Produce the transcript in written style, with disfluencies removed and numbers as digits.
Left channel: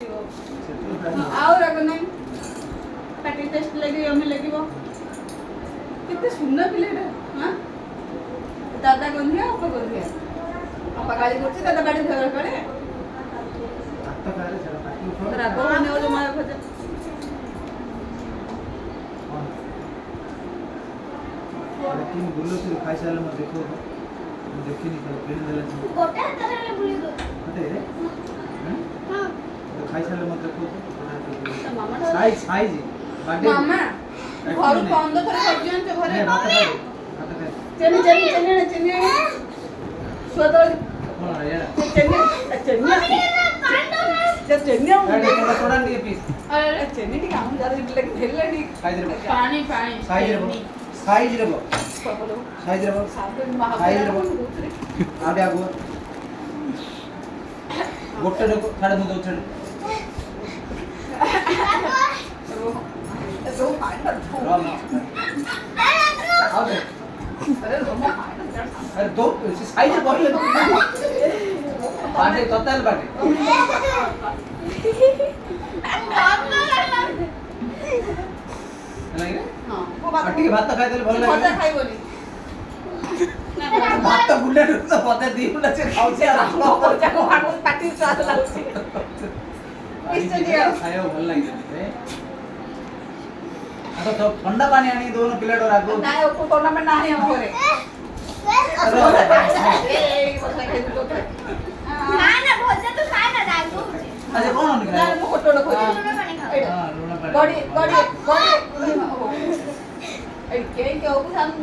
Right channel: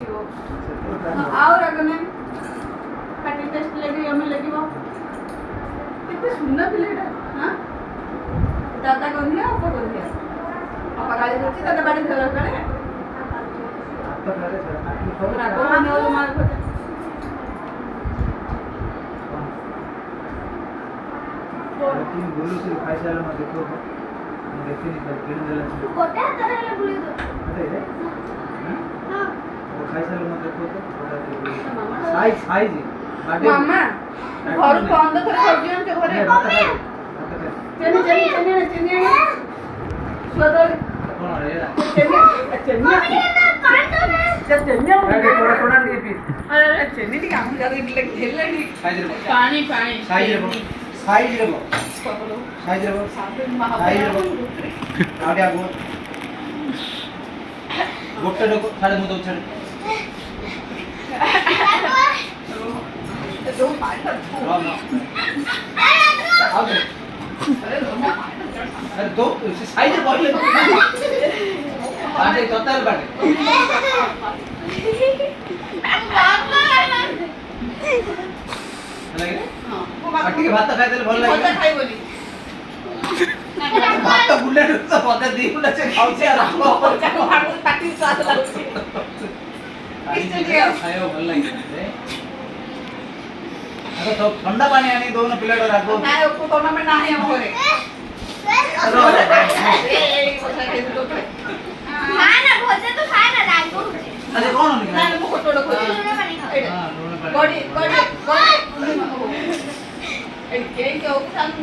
ଆଉ ରାଗ ନାହିଁ ପାଟି ଟେଷ୍ଟ ଲାଗିବ ଆମେ ଲାଗିବ କେତେ ସୁନ୍ଦର ପିଲାଟା ହଁ ଦାଦା ଗନ୍ଧିଆ ଅପା ଗନ୍ଧିଆ ଅପା ଗାଳି କରୁଛି ଦାଦା ବାଡ଼ି ଧର କାଳେ ରାଗ ମାନେ ଜମା ଭଜା लेकिन बुल्लू से खाई साले में देखो देखी नहीं कर किन देला तू कोटा तरह बुली दो अरे रे हां तो खाई साले में देखो तो साइज साइज बाटे मामा घर बंद कर सब्जी न घरे भात खाए चने चने चने चने स्वाद कौन है यार चने चने चने थोड़ा थोड़ा नहीं पीस अरे चने टी काम कर इडली खेलनी पानी पानी साइज रे साइज रे आडे आगो गोटे लोग खाले मुंह दउछ जो फाइनल अरे दो साइज बोल ले बाटे टोटल बाटे लगे हां बाटी के भात खाइ देले भल लागे भजा खाइ बोली भात बुले तो पता दी बुले से खाउ से भजा को भागो पाटी स्वाद लाଗୁଛି खायो भल लागे अरे तो ठंडा पानी आनी दोनों प्लेट और आगो ना को कोना में नाही हम घरे ए भजा खाइ तो खाइ ना ना भोजे तो खाए ना रागो अच्छा कौन निकला ना मो कोटो खोजी हां दोनों गड़ी गड़ी गड़ी ए के हो